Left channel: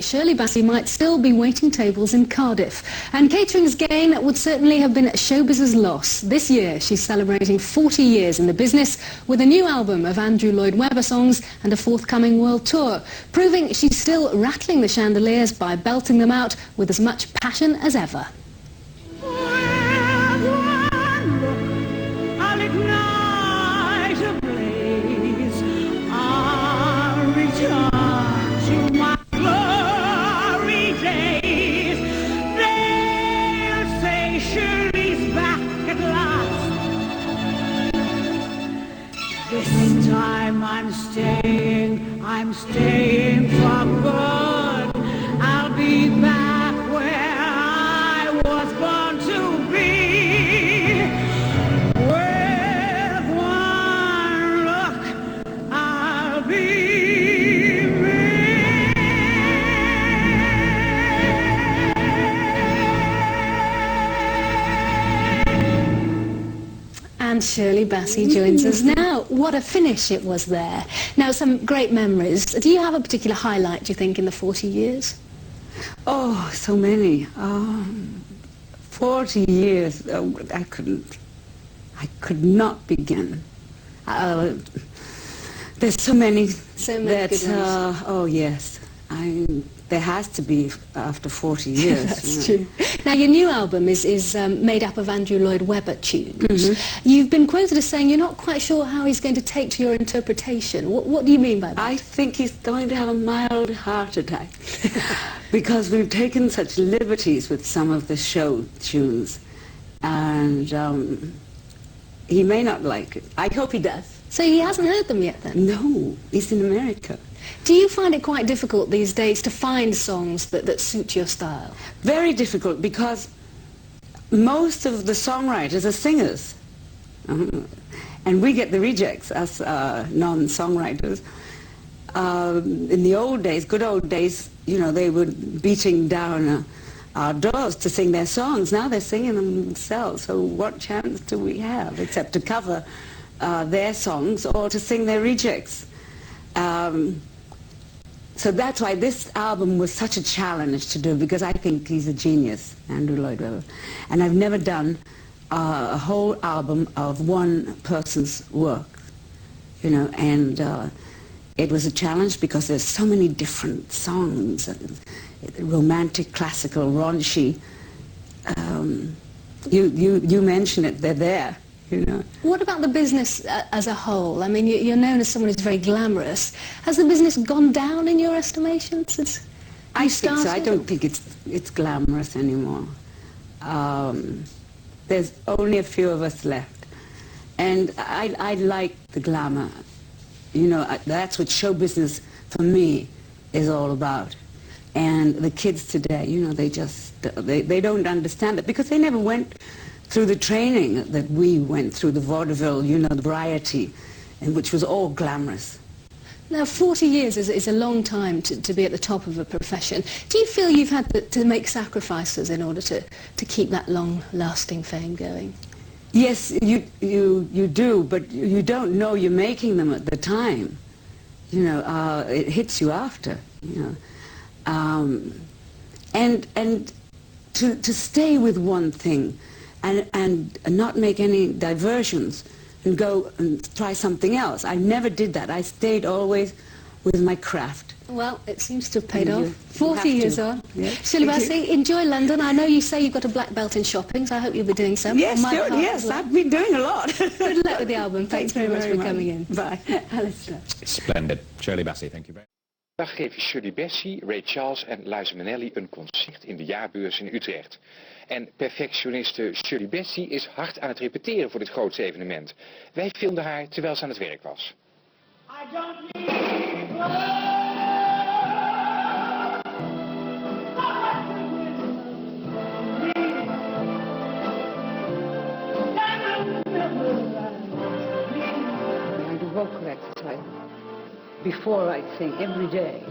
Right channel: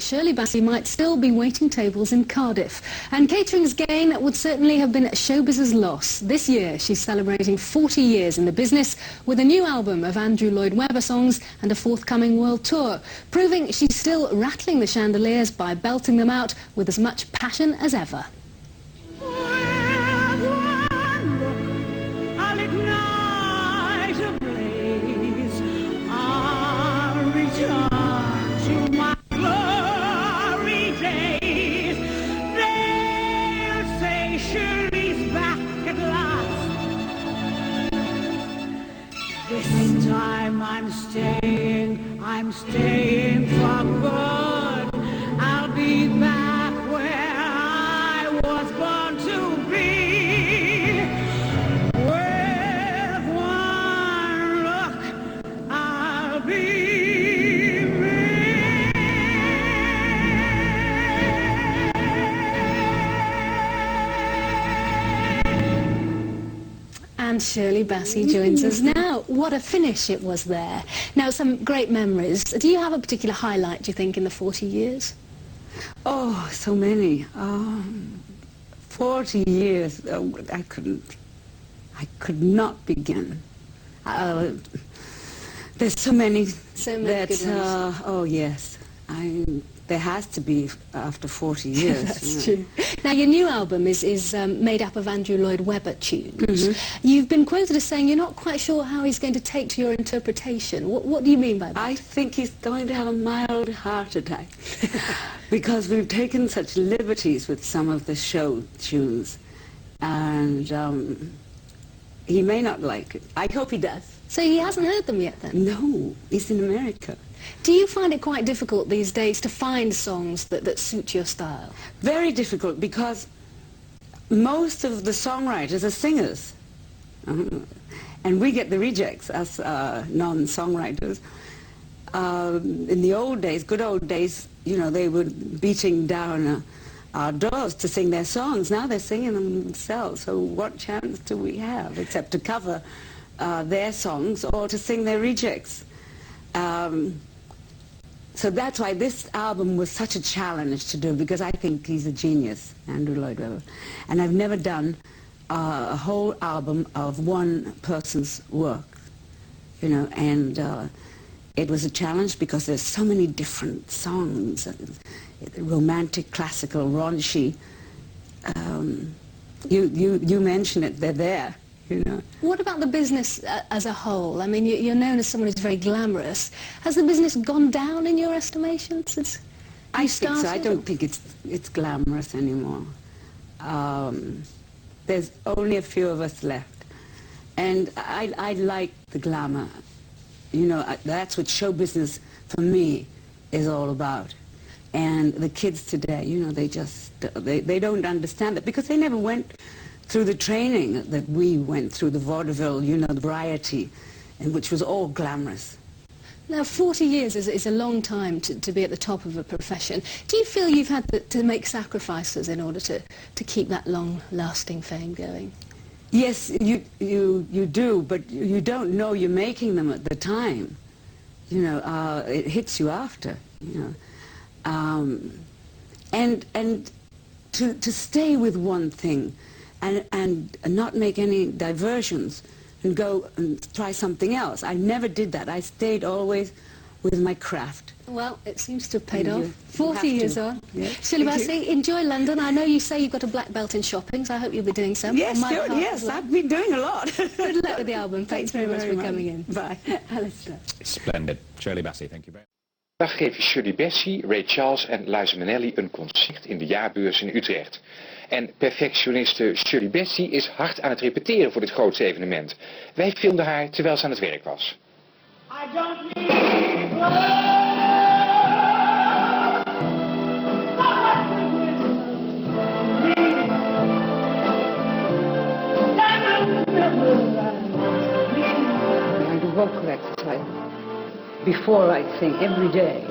Shirley Bassey might still be waiting tables in Cardiff. And catering's gain would certainly have been showbiz's loss. This year she's celebrating 40 years in the business with a new album of Andrew Lloyd Webber songs and a forthcoming world tour, proving she's still rattling the chandeliers by belting them out with as much passion as ever. This time I'm staying for good. I'll be back where I was born to be. With one look, I'll be me. And Shirley Bassey joins us now. What a finish it was there. Now, some great memories. Do you have a particular highlight, do you think, in the 40 years? Oh, so many. 40 years, I could not begin. There's so many that, good ones. oh yes, there has to be after 40 years. That's true. Now, your new album is made up of Andrew Lloyd Webber tunes. Mm-hmm. You've been quoted as saying you're not quite sure how he's going to take to your interpretation. What do you mean by that? I think he's going to have a mild heart attack because we've taken such liberties with some of the show tunes, and he may not like it. I hope he does. So he hasn't heard them yet, then? No, he's in America. Do you find it quite difficult these days to find songs that suit your style? Very difficult, because most of the songwriters are singers. And we get the rejects as non-songwriters. In the old days, good old days, you know, they were beating down our doors to sing their songs. Now they're singing them themselves, so what chance do we have except to cover their songs or to sing their rejects? So that's why this album was such a challenge to do, because I think he's a genius, Andrew Lloyd Webber. And I've never done a whole album of one person's work, you know, and it was a challenge because there's so many different songs, romantic, classical, raunchy. You mention it, they're there. You know. What about the business as a whole? I mean, you're known as someone who's very glamorous. Has the business gone down in your estimation since I think so. I don't think it's glamorous anymore. There's only a few of us left. And I like the glamour. You know, that's what show business, for me, is all about. And the kids today, you know, they don't understand it because they never went through the training that we went through, the vaudeville, you know, the variety, and which was all glamorous. Now, 40 years is a long time to be at the top of a profession. Do you feel you've had to make sacrifices in order to keep that long-lasting fame going? Yes, you do, but you don't know you're making them at the time. You know, it hits you after, you know. And to stay with one thing, and not make any diversions and go and try something else. I never did that. I stayed always with my craft. Well, it seems to have paid off. 40 years on. Yeah. Shirley Bassey, enjoy London. I know you say you've got a black belt in shopping, so I hope you'll be doing so. Yes, yes, I've been doing a lot. Good luck with the album. Thanks very much for coming in. Bye. Splendid. Shirley Bassey, thank you very much. Vandaag geven Shirley Bassey, Ray Charles en Liza Minnelli een concert in de jaarbeurs in Utrecht. En perfectioniste Shirley Bassey is hard aan het repeteren voor dit grootste evenement. Wij filmden haar terwijl ze aan het werk was. I don't need vocal exercise before I sing every day,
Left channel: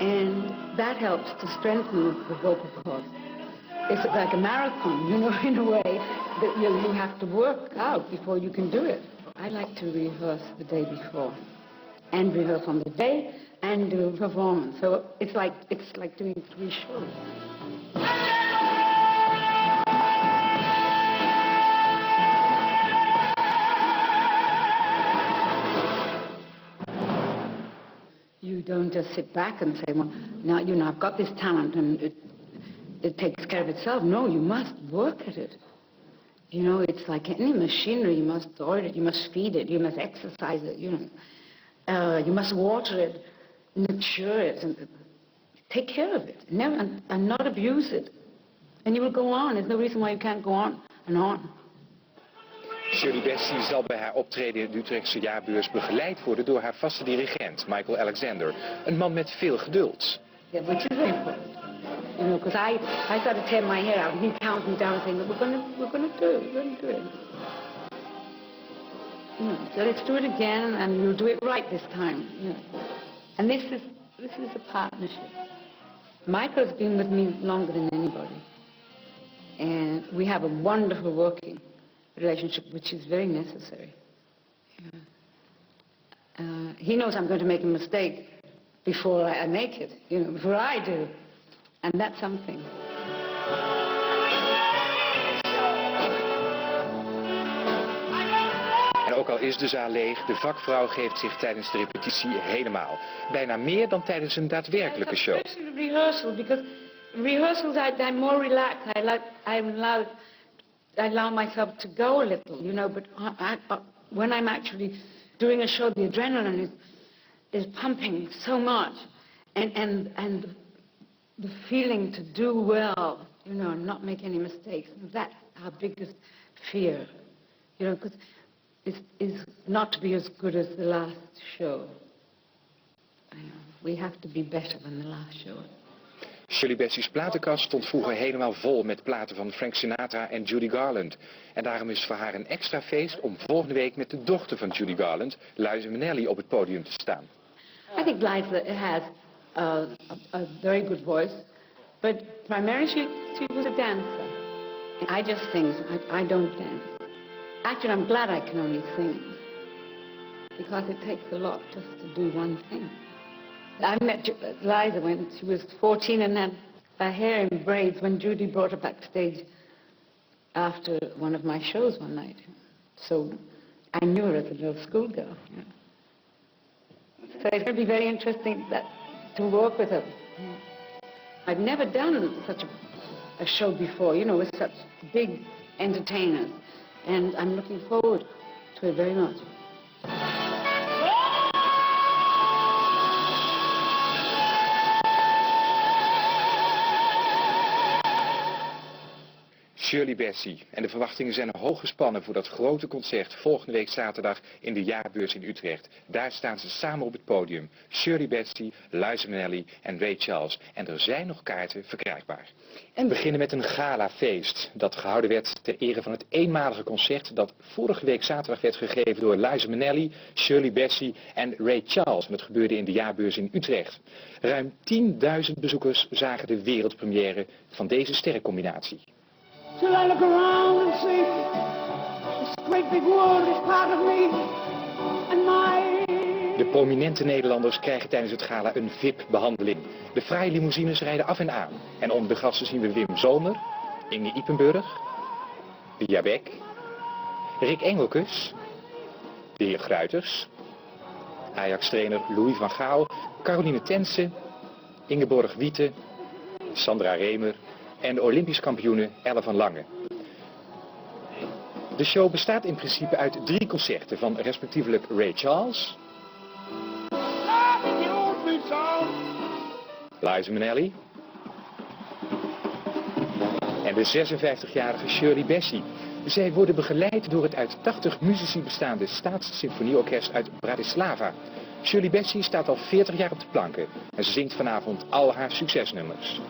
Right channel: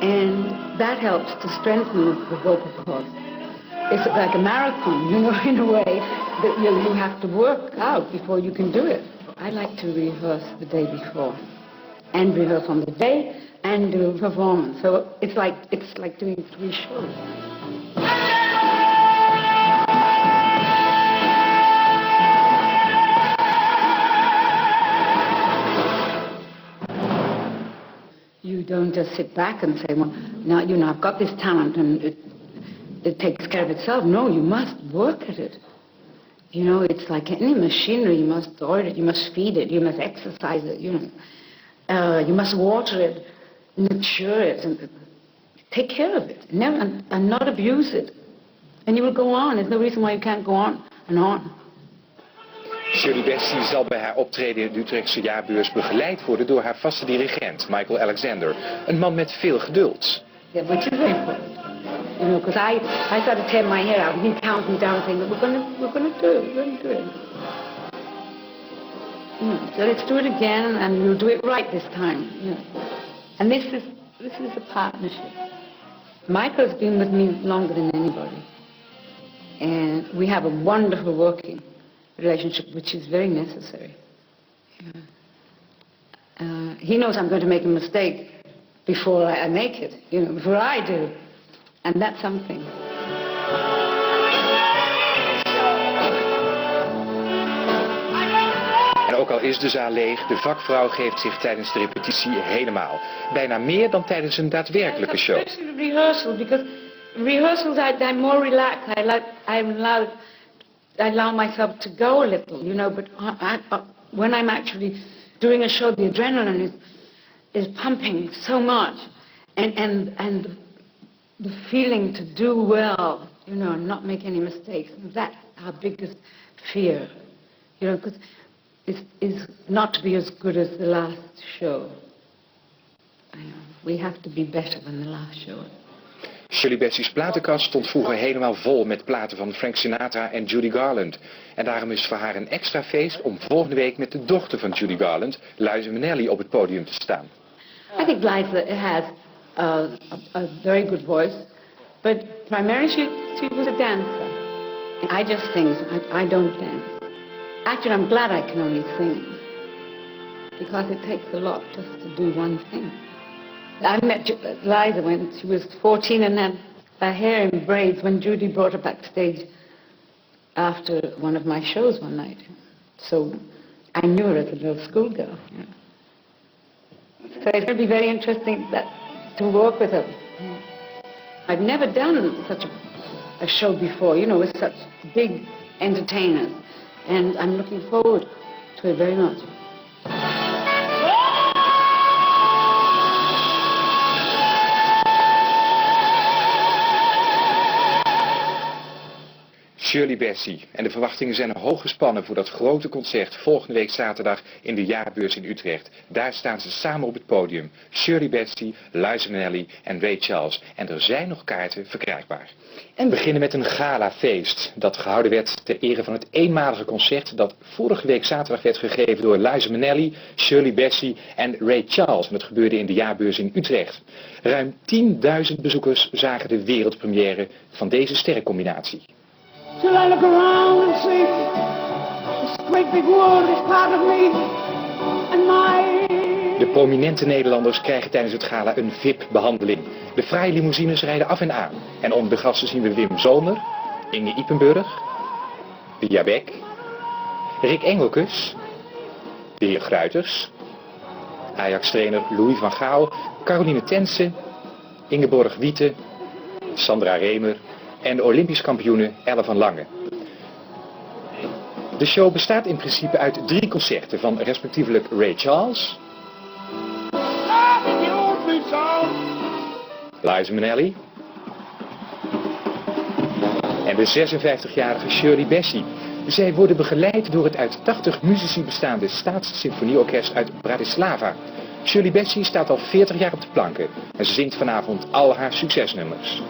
and that helps to strengthen the vocal cords. It's like a marathon, you know, in a way that you have to work out before you can do it. I like to rehearse the day before and rehearse on the day and do a performance. So it's like doing 3 shows. You don't just sit back and say, well, now, you know, I've got this talent and it takes care of itself. No, you must work at it. You know, it's like any machinery. You must oil it, you must feed it, you must exercise it, you know. You must water it, nurture it, and take care of it. Never, and not abuse it. And you will go on. There's no reason why you can't go on and on. Shirley Bassey zal bij haar optreden in de Utrechtse jaarbeurs begeleid worden door haar vaste dirigent, Michael Alexander. Een man met veel geduld. Yeah, which is very important. You know, because I started tearing my hair out, and he counted me down saying, we're gonna do it. You know, so let's do it again, and we'll do it right this time. You know. And this is a partnership. Michael's been with me longer than anybody. And we have a wonderful working relationship, which is very necessary. He knows I'm going to make a mistake before I make it, you know, before I do. And that's something. En ook al is de zaal leeg, de vakvrouw geeft zich tijdens de repetitie helemaal. Bijna meer dan tijdens een daadwerkelijke show. Especially rehearsal, because rehearsals I'm more relaxed. I allow myself to go a little, you know, but when I'm actually doing a show, the adrenaline is pumping so much. And the feeling to do well, you know, and not make any mistakes. That's our biggest fear, you know, because is not to be as good as the last show. We have to be better than the last show. Shirley Bassey's platenkast stond vroeger helemaal vol met platen van Frank Sinatra en Judy Garland. En daarom is voor haar een extra feest om volgende week met de dochter van Judy Garland, Liza Minnelli, op het podium te staan. I think Liza has a very good voice, but primarily she was a dancer. And I just sing, I don't dance. Actually, I'm glad I can only sing, because it takes a lot just to do one thing. I met Liza when she was 14 and had her hair in braids when Judy brought her backstage after one of my shows one night. So I knew her as a little schoolgirl. So it's going to be very interesting to work with her. I've never done such a show before, you know, with such big entertainers. And I'm looking forward to it very much. Shirley Bassey. En de verwachtingen zijn hoog gespannen voor dat grote concert volgende week zaterdag in de jaarbeurs in Utrecht. Daar staan ze samen op het podium. Shirley Bassey, Liza Minnelli en Ray Charles. En er zijn nog kaarten verkrijgbaar. En beginnen met een galafeest dat gehouden werd ter ere van het eenmalige concert dat vorige week zaterdag werd gegeven door Liza Minnelli, Shirley Bassey en Ray Charles. En dat gebeurde in de jaarbeurs in Utrecht. Ruim 10.000 bezoekers zagen de wereldpremière van deze sterrencombinatie. Till I look around and see this great big world is part of me and my... De prominente Nederlanders krijgen tijdens het gala een VIP-behandeling. De fraaie limousines rijden af en aan. En onder de gasten zien we Wim Zomer, Inge Ipenburg, Pia Beck, Rick Engelkes, de heer Gruiters, Ajax-trainer Louis van Gaal, Caroline Tense, Ingeborg Wiete, Sandra Remer en de Olympisch kampioene Elle van Lange. De show bestaat in principe uit 3 concerten van respectievelijk Ray Charles, Liza Minnelli en de 56-jarige Shirley Bassey. Zij worden begeleid door het uit 80 muzici bestaande Staatssymfonieorkest uit Bratislava. Shirley Bassey staat al 40 jaar op de planken en ze zingt vanavond al haar succesnummers.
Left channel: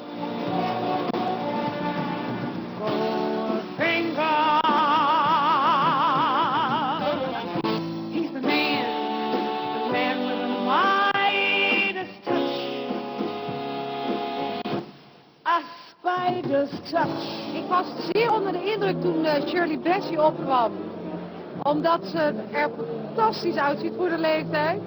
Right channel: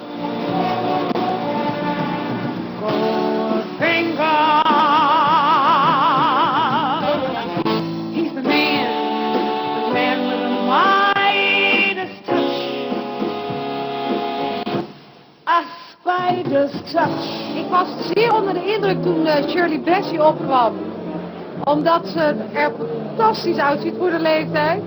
Ik was zeer onder de indruk toen Shirley Bassey opkwam. Omdat ze er fantastisch uitziet voor de leeftijd.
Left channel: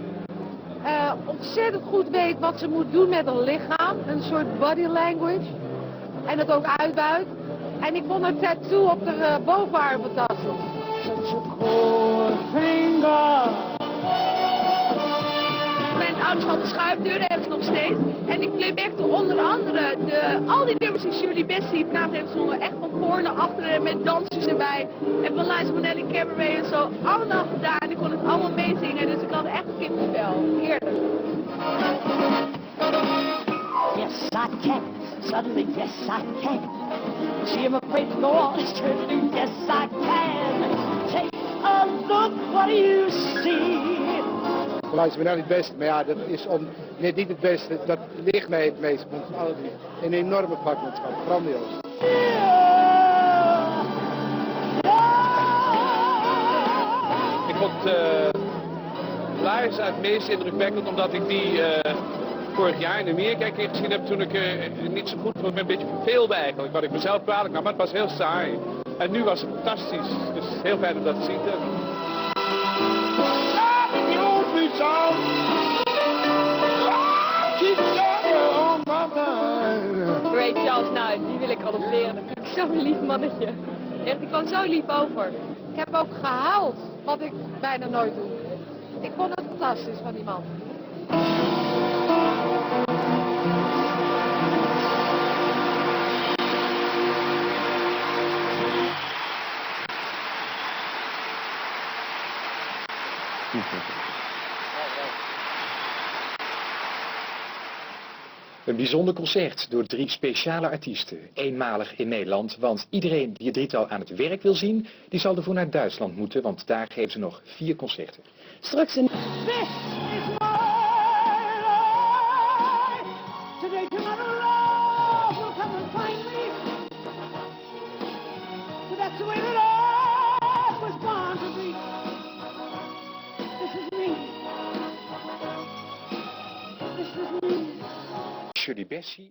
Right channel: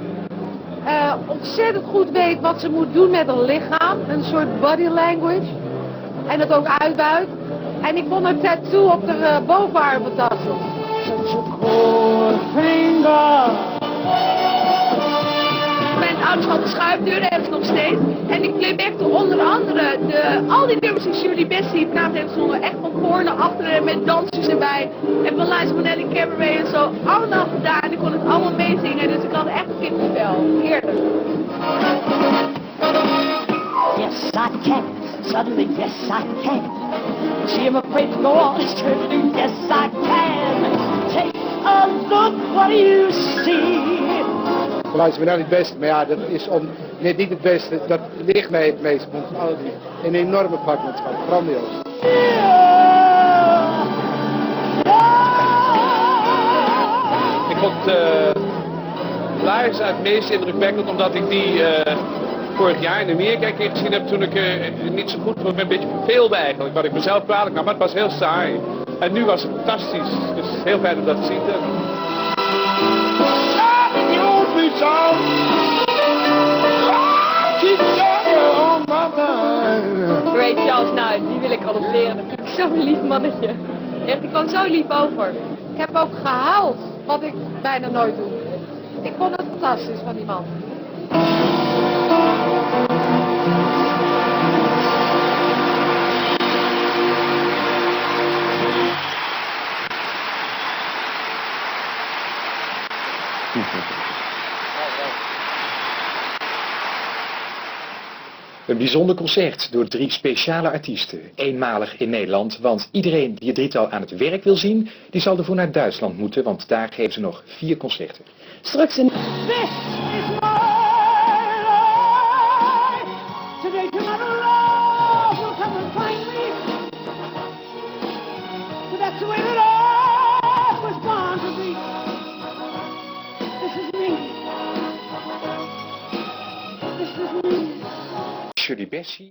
ontzettend goed weet wat ze moet doen met haar lichaam. Een soort body language. En het ook uitbuit. En ik vond haar tattoo op de bovenarm fantastisch. Mijn ouders hadden schuifdeuren, hebben ze nog steeds. En ik bleef echt onder andere al die nummers die Shirley Bassey praat heeft zongen. Echt van voor naar achteren met dansjes erbij. En van Liza, Minnelli, Cabaret en zo. Allemaal gedaan en ik kon het allemaal meezingen. Dus ik had echt een kippenvel. Heerlijk. Yes, I can. Suddenly, yes, I can. She ever afraid to go on this trip? Yes, I can. Take a look, what do you see? Liza Minnelli het beste, maar ja, dat is net niet het beste. Dat ligt mij het meest. Want een enorme vakmanschap, grandioos. Ik vond Liza het meest indrukwekkend omdat ik die vorig jaar in Amerika een keer gezien heb toen ik niet zo goed vond, een beetje verveelde eigenlijk. Wat ik mezelf kwalijk nam, maar het was heel saai. En nu was het fantastisch. Dus heel fijn om dat te zien. Ray Charles, nou, die wil ik adopteren. Dat vind ik zo'n lief mannetje. Echt, die kwam zo lief over. Ik heb ook gehuild, wat ik bijna nooit doe. Ik vond het fantastisch van die man. Een bijzonder concert door 3 speciale artiesten. Eenmalig in Nederland, want iedereen die het drietal aan het werk wil zien, die zal ervoor naar Duitsland moeten, want daar geven ze nog 4 concerten. Straks in... Shirley Bassey.